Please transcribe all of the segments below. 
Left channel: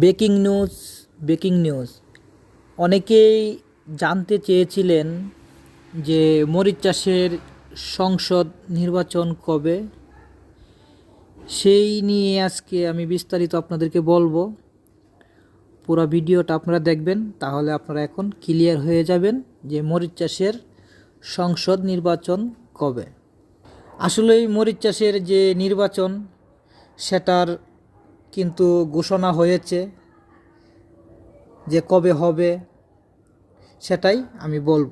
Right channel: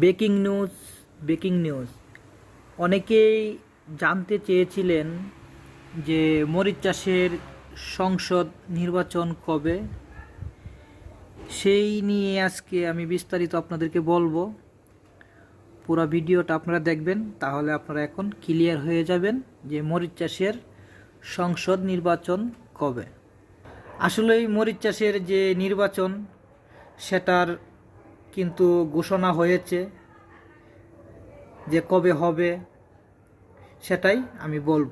Breaking news breaking news. অনেকেই জানতে চেয়েছিলেন যে মরিচ চাষের সংসদ নির্বাচন কবে। সেই নিয়ে আজকে আমি বিস্তারিত আপনাদেরকে বলব। পুরো ভিডিওটা আপনারা দেখবেন, তাহলে আপনারা এখন ক্লিয়ার হয়ে যাবেন যে মরিচ চাষের সংসদ নির্বাচন কবে। আসলে এই মরিচ চাষের যে নির্বাচন, সেটার কিন্তু ঘোষণা হয়েছে যে কবে হবে, সেটাই আমি বলব।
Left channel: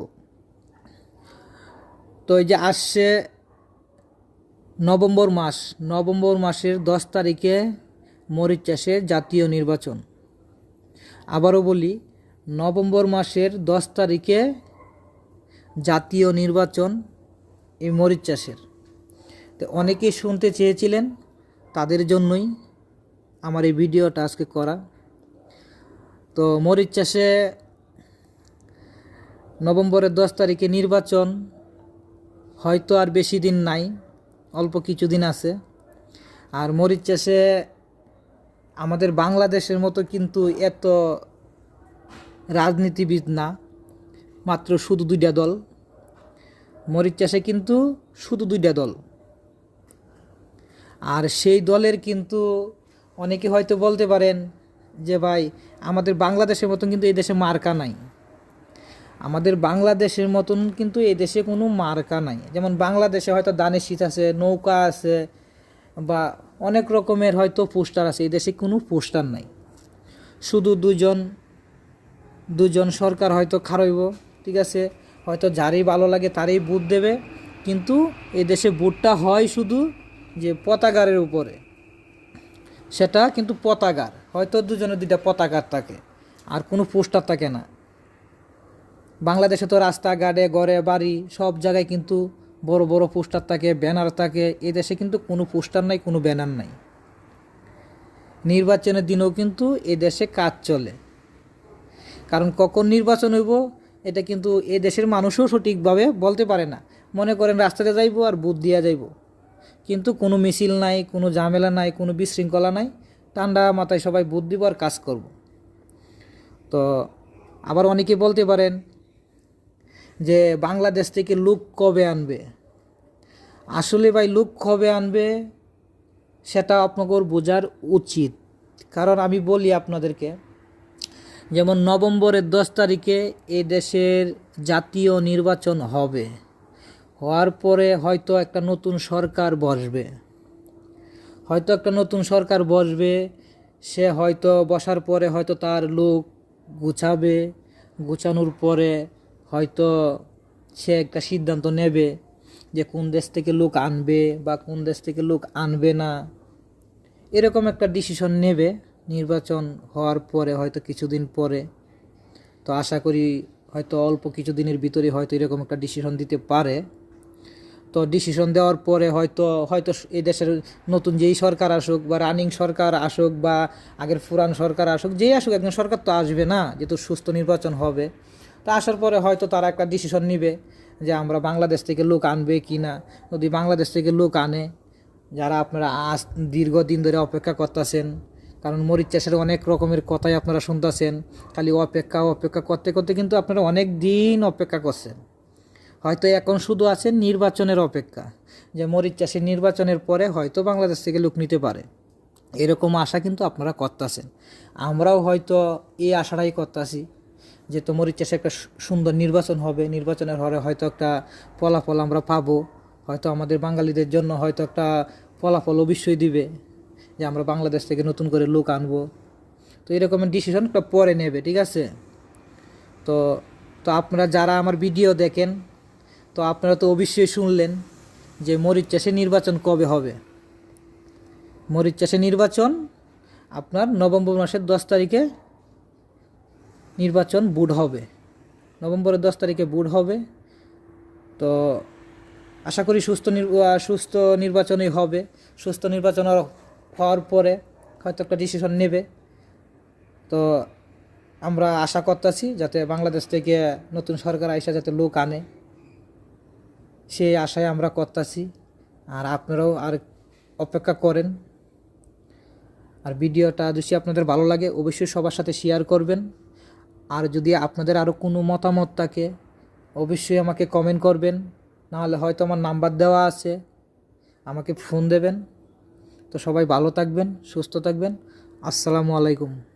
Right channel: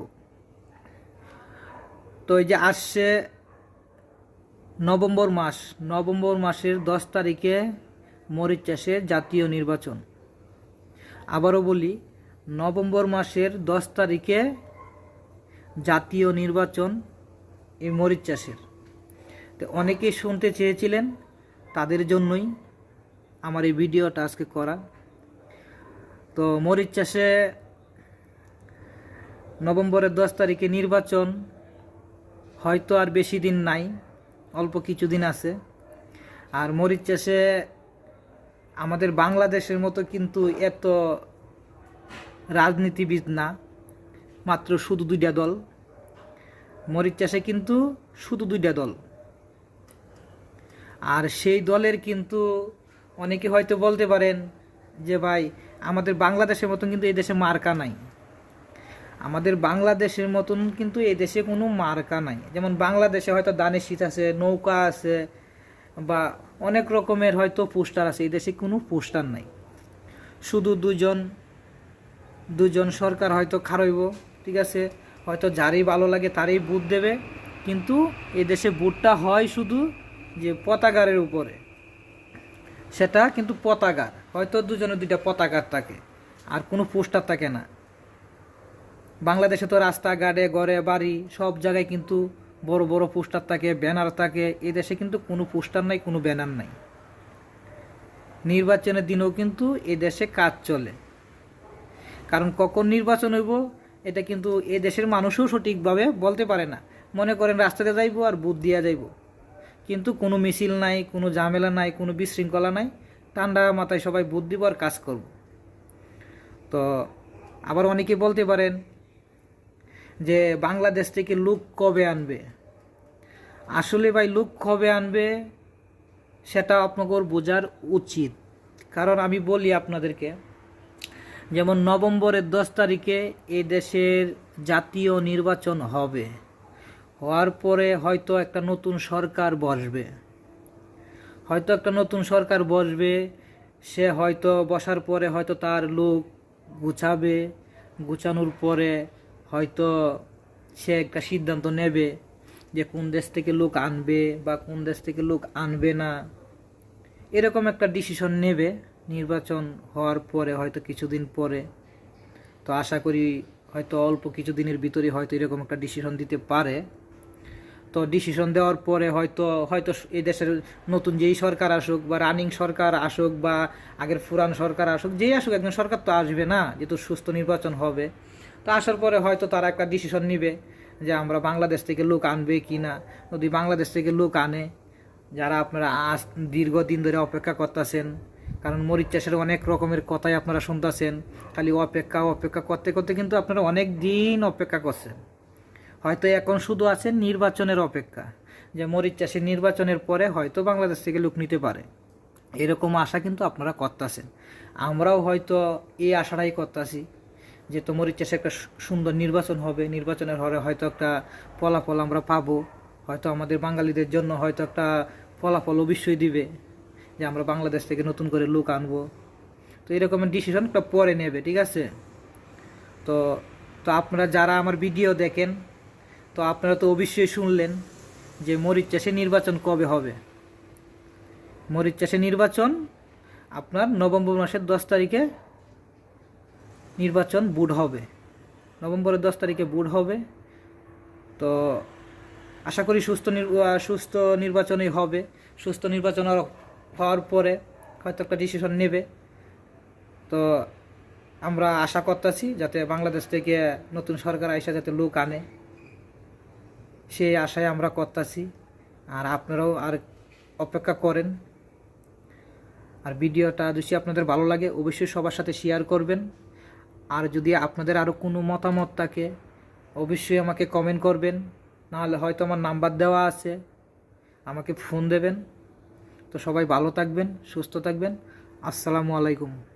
তো এই যে আসছে নভেম্বর মাস, নভেম্বর মাসের দশ তারিখে মরিচ চাষের জাতীয় নির্বাচন। আবারও বলি, নভেম্বর মাসের দশ তারিখে জাতীয় নির্বাচন এই মরিচ চাষের। তো অনেকেই শুনতে চেয়েছিলেন, তাদের জন্যই আমার এই ভিডিওটা আজকে করা। তো মরিচ চাষে নভেম্বরের দশ তারিখে নির্বাচন, হয়তো আর বেশি দিন নাই, অল্প কিছুদিন আছে। আর মরিচ চাষে আমাদের বাংলাদেশের মতো কিন্তু এত রাজনীতিবিদ না, মাত্র শুধু দুইটা দল। মরিচ চাষে কিন্তু শুধু দুইটা দল। আর সেই দলের কিন্তু অনেকে হয়তো বলতে পারেন যে ভাই, আমাদের বাংলাদেশের মতন কিন্তু এই দেশে মার্কা নাই। আমাদের বাংলাদেশের মতন কিন্তু এই দেশে কোনো মার্কা নাই। যেমন বাংলাদেশে হয়তো দানের শীত আছে, নৌকা আছে, বা অনেক রকমের হয়তো পোস্টার আছে, এই দেশে কোনো পোস্টার নাই। শুধু দুজন দুজন সরকার হয়তো খারইব, ঠিক আছে? হয়তো যারই ভালো লাগে তারই বুট দেবে, কিন্তু এদেশে দেশে বুটটা হয় শুধু যে পতাকারের উপরে। সেটা কিন্তু পতাকার। হয়তো দুজনের দুইটা পতাকার থাকে, আর কোনো পোস্টার থাকে না। বাংলাদেশে তো রাস্তাঘাটে, ঘরে বাড়ি, সব জায়গায় কিন্তু বড় বড় পোস্টার থাকে, ব্যানার থাকে। এ দেশে কিন্তু কোনো পোস্টার নাই, কোনো ব্যানার নাই। নির্বাচনের দিনেও কিন্তু এ দেশে কাজ চলে। কারণ কখন নির্বাচন হইব, এটা কিন্তু এ দেশের মানুষও সঠিকভাবে বলতে পারে না। মনে করেন রাস্তাতে যাইব আর বুথ দিয়া যাইব। কিন্তু কোনো মিছিল নাই, কোনো ঝামেলা নাই, কোনো বিশৃঙ্খলা নাই। ঠান্ডা মাথায় সবাই আর কাজ করব। তো আবার অনেকে বলতে পারেন যে বাংলাদেশ থেকে লোক কবে আনবে? আসলে ভাই, লোক কবে আনবে সেটা আপনাকে বোঝার উচিত। কারণ আমি বলি আপনাদেরকে, যেমন নভেম্বরের দশ তারিখে এই দেশের জাতীয় নির্বাচন হবে। হওয়ার পরে হয়তো একটা নতুন সরকার বসবে। হয়তো একটা নতুন সরকার বসবে, সে হয়তো বসার পরে হয়তো তার লোক গুছাবে, গুছানোর পরে হয়তো সে একটা সিদ্ধান্ত নেবে যে কোন দেশ থেকে লোক আনবে বা কোন দেশ থেকে লোক আনবে না। এরকম একটা ডিসিশন নেবে নির্বাচন হওয়ার পরে হয়তো কিছুদিন পরে। তো আশা করি হয়তো অল্প কিছুদিনের ভিতরে হয়তো এরকম একটা ডিসিশন দিতে পারে। তো ডিসিশন দেওয়ার পরে হয়তো হয়তো এই দেশের নতুন যেই সরকার আসুক বা রানিং সরকার আসুক বা আগের পুরান সরকার আসুক, যেই আসুক, একজন সরকার তো আসবে না, যেহেতু সুস্থ নির্বাচন হবে। তো আসার পরে হয়তো তারা একটা ডিসিশন নিবে যে আমরা বাংলাদেশ থেকে লোক আনবে কি না। যদি বাংলাদেশ থেকে লোক আনে, যারা আপনারা আজ দীর্ঘদিন ধরে অপেক্ষা করতেছেন, কারণ মরিচ চাষের অনেক রকমের কথাই আপনারা শুনতেছেন, খালি অপেক্ষা অপেক্ষা করতে করতে কিন্তু আপনারা অনেক দিন অপেক্ষা করছেন। হয়তো এখন শুধু আছেন নির্বাচনের অপেক্ষা, যে মরিচ চাষের নির্বাচনের পরে হয়তো বাংলাদেশ থেকে লোক নিতে পারে। এরকম আশা কিন্তু আপনারা করতেছেন। আমরাও হয়তো এই আশাটাই করতেছি যে তো মরিচ চাষে একটা সুন্দর নির্বাচন হবে, নির্বাচনের হরে হয়তো একটা ফলাফল আমরা পাবো। হয়তো আমাদের বাঙালিদের জন্য হয়তো একটা ফলাফল অবশ্যই দিবে যে আমরা বাংলাদেশ থেকে নতুন করে লোক আনব। তো এরকমের ডিসিশন একটা পরে নেবে, ঠিক আছে? তো তো আপনারা যারা আমার ভিডিও দেখেন তো আপনারা তো অবশ্যই শুনলেন যে মরিচ চাষে নির্বাচন কবে হবে। মরিচ চাষে নির্বাচন আপনার নভেম্বর মাসের দশ তারিখে নির্বাচন বুট হবে। নভেম্বরের দশ তারিখে বুট হবে। তো আশা করি সুস্থ সুস্থ নির্বাচনই হবে। সুস্থ নির্বাচন হওয়ার পরে হয়তো একটা ডিসিশন নেবে। তো আমরা আশা করতেছি যাতে বাংলাদেশ থেকে নতুন সরকার আইসা যাতে লোক আনে। সেই আশায় আমরা করতেছি। আর আপনারাও আর অপেক্ষা করেন। আর ভিডিওটা যদি আপনাদের ভালো লাগে, অবশ্যই সবার সাথে শেয়ার করবেন। আর যদি আপনাদের আরও কোনো মতামত থাকে, অবশ্যই আমাকে কমেন্ট করবেন। নাহলে হয়তো আমার নাম্বার দেওয়া আছে। আমাকে ফোন দেবেন। তো সবাই ভালো থাকবেন, সুস্থ থাকবেন। আসসালামু আলাইকুম।